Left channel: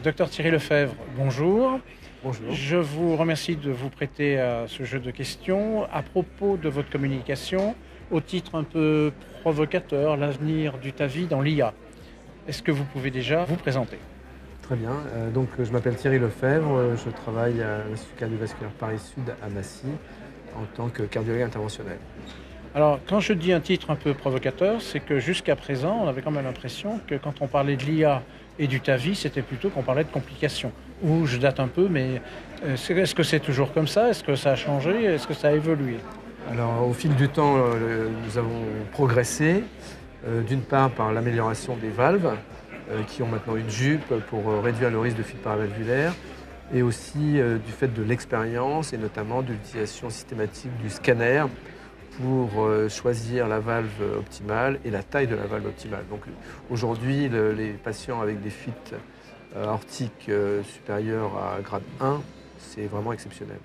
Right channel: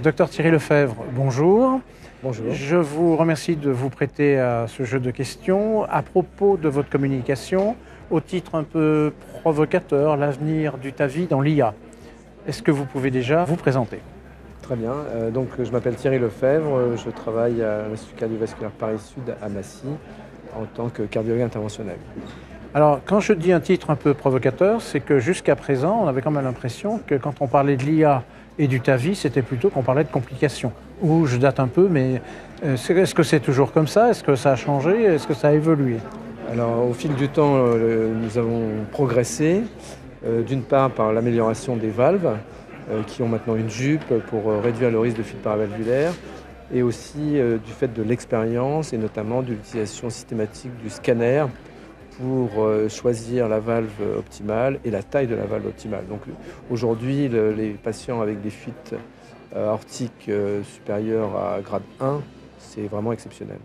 Docteur Thierry Lefebvre, bonjour. Bonjour. Je vous remercie de vous prêter à ce jeu de questions à propos de votre communication au titre un peu provocateur, l'avenir du TAVI dans l'IA. Est-ce que vous pouvez déjà vous présenter? Très bien. Donc, je m'appelle Thierry Lefebvre, je travaille à l'Institut cardiovasculaire Paris-Sud à Massy en tant que cardiologue interventionnel. Alors, quand je dis un titre un peu provocateur, c'est que jusqu'à présent, on avait quand même l'impression que quand on parlait de l'IA et du TAVI, c'était plutôt qu'on parlait de complications. Ou je date un peu, mais est-ce que c'est toujours comme ça? Est-ce que ça a changé? Est-ce que ça a évolué? Alors, au fil du temps, nous avons progressé, d'une part par l'amélioration des valves, qui ont maintenant une jupe pour réduire le risque de fuite paravalvulaire, et aussi du fait de l'expérience et notamment de l'utilisation systématique du scanner pour choisir la valve optimale et la taille de la valve optimale. Donc aujourd'hui, les patients avec des fuites aortiques supérieures à grade 1, c'est vraiment exceptionnel.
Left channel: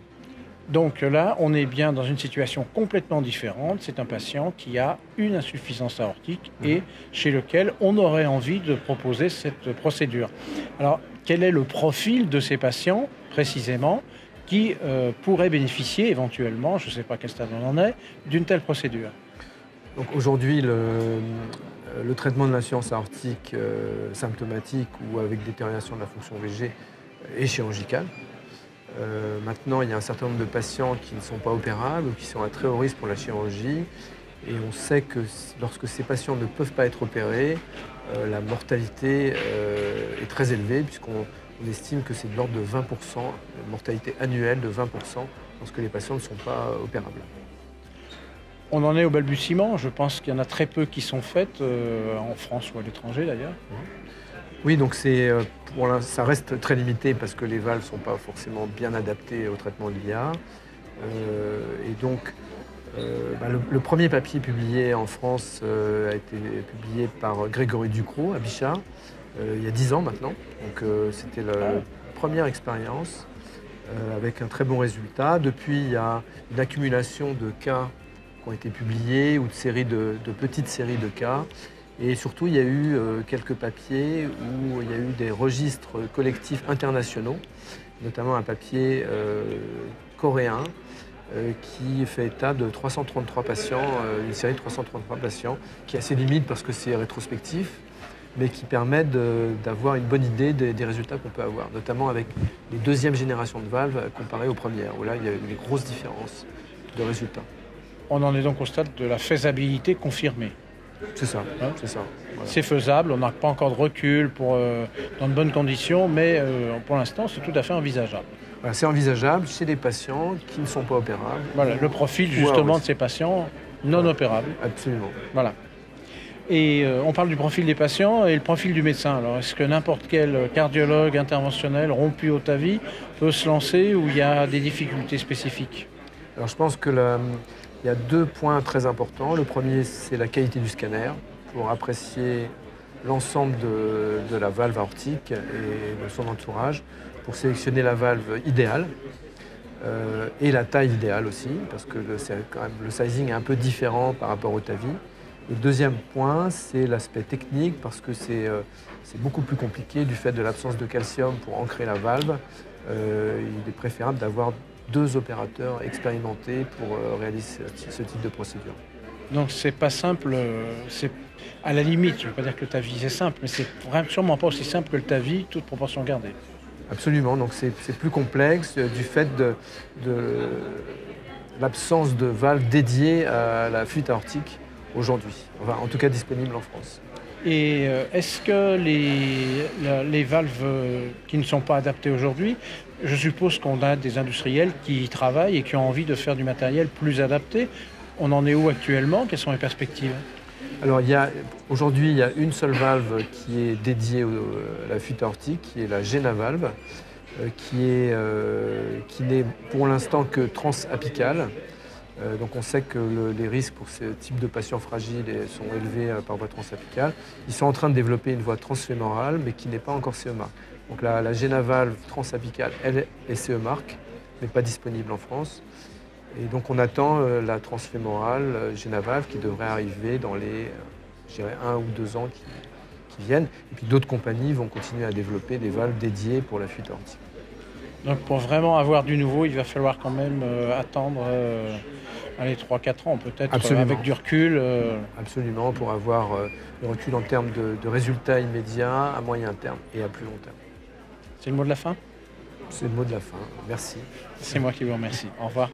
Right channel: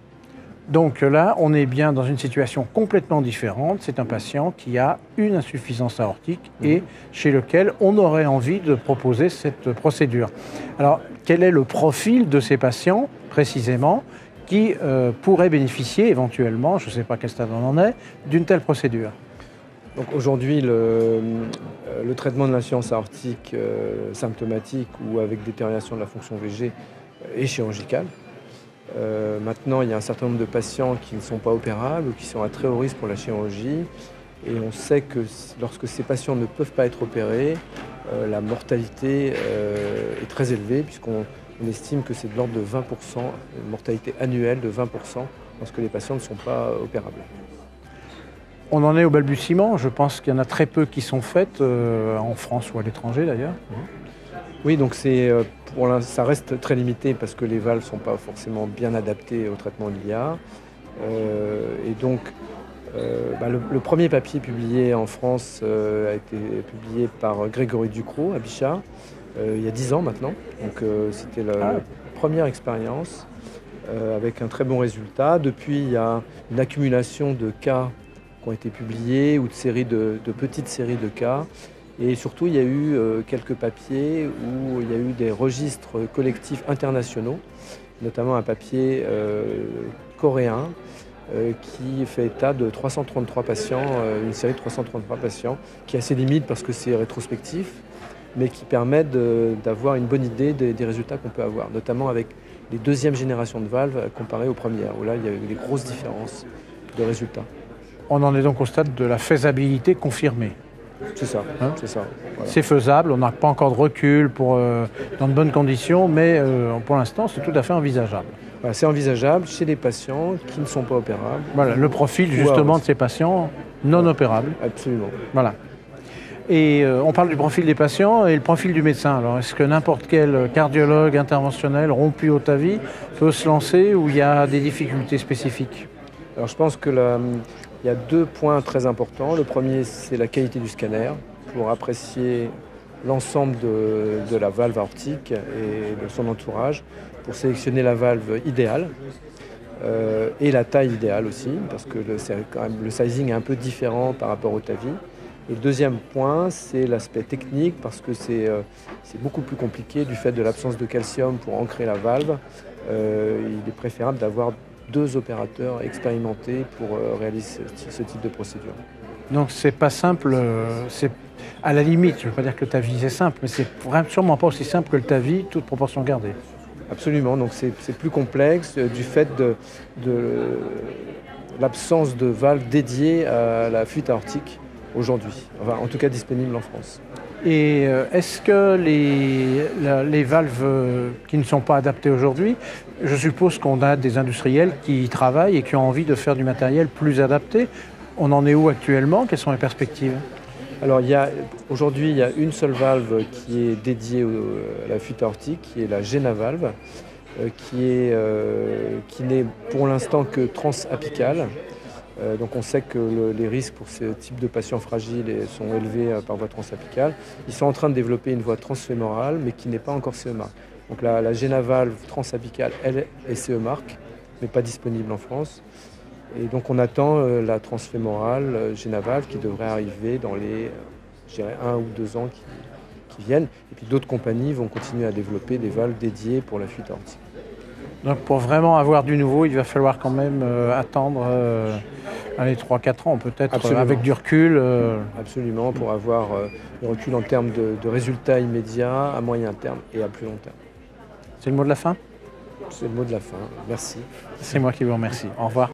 Donc là, on est bien dans une situation complètement différente. C'est un patient qui a une insuffisance aortique et chez lequel on aurait envie de proposer cette procédure. Alors, quel est le profil de ces patients, précisément, qui pourraient bénéficier éventuellement, je ne sais pas quel stade on en est, d'une telle procédure? Donc aujourd'hui, le traitement de l'insuffisance aortique symptomatique ou avec détérioration de la fonction VG est chirurgical. Maintenant, il y a un certain nombre de patients qui ne sont pas opérables ou qui sont à très haut risque pour la chirurgie. Et on sait que lorsque ces patients ne peuvent pas être opérés, la mortalité est très élevée, puisqu'on estime que c'est de l'ordre de 20%, une mortalité annuelle de 20% lorsque les patients ne sont pas opérables. On en est au balbutiement. Je pense qu'il y en a très peu qui sont faites, en France ou à l'étranger d'ailleurs. Oui, donc ça reste très limité parce que les valves ne sont pas forcément bien adaptées au traitement de l'IA. Et donc, le premier papier publié en France a été publié par Grégory Ducrot à Bichat, il y a 10 ans maintenant. Donc c'était la première expérience avec un très bon résultat. Depuis, il y a une accumulation de cas qui ont été publiés ou de petites séries de cas. Et surtout, il y a eu quelques papiers où il y a eu des registres collectifs internationaux, notamment un papier coréen qui fait état de 333 patients, une série de 333 patients, qui est assez limite parce que c'est rétrospectif, mais qui permet d'avoir une bonne idée des résultats qu'on peut avoir, notamment avec les deuxièmes générations de valves comparées aux premières, où là, il y a eu des grosses différences de résultats. On en est donc au stade de la faisabilité confirmée. C'est ça, c'est ça. Voilà. C'est faisable, on n'a pas encore de recul dans de bonnes conditions, mais pour l'instant, c'est tout à fait envisageable. Voilà, c'est envisageable chez des patients qui ne sont pas opérables. Voilà, le profil justement de ces patients non opérables. Absolument. Voilà. Et on parle du profil des patients et le profil du médecin. Alors, est-ce que n'importe quel cardiologue interventionnel rompu au TAVI peut se lancer ou il y a des difficultés spécifiques? Alors, je pense que il y a deux points très importants. Le premier, c'est la qualité du scanner pour apprécier l'ensemble de la valve aortique et de son entourage, pour sélectionner la valve idéale et la taille idéale aussi, parce que quand même, le sizing est un peu différent par rapport au TAVI. Le deuxième point, c'est l'aspect technique, parce que c'est beaucoup plus compliqué du fait de l'absence de calcium pour ancrer la valve. Il est préférable d'avoir 2 opérateurs expérimentés pour réaliser ce type de procédure. Donc c'est pas simple, c'est à la limite, je ne veux pas dire que le TAVI c'est simple, mais c'est sûrement pas aussi simple que le TAVI, toute proportion gardée. Absolument, donc c'est plus complexe du fait de l'absence de valve dédiée à la fuite aortique aujourd'hui, enfin, en tout cas disponible en France. Et est-ce que les valves qui ne sont pas adaptées aujourd'hui, je suppose qu'on a des industriels qui y travaillent et qui ont envie de faire du matériel plus adapté. On en est où actuellement? Quelles sont les perspectives? Alors aujourd'hui, il y a une seule valve qui est dédiée à la fuite aortique, qui est la GenaValve, qui n'est pour l'instant que transapicale. Donc on sait que les risques pour ce type de patients fragiles sont élevés par voie transapicale. Ils sont en train de développer une voie transfémorale, mais qui n'est pas encore CE mark. Donc la GenaValve transapicale, elle est CE mark, mais pas disponible en France. Et donc on attend la transfémorale GenaValve qui devrait arriver dans les 1 ou 2 ans qui viennent. Et puis d'autres compagnies vont continuer à développer des valves dédiées pour la fuite aortique. Donc pour vraiment avoir du nouveau, il va falloir quand même attendre 3-4 ans peut-être, avec du recul. Absolument, pour avoir le recul en termes de résultats immédiats, à moyen terme et à plus long terme. C'est le mot de la fin ? C'est le mot de la fin. Merci. C'est moi qui vous remercie. Au revoir.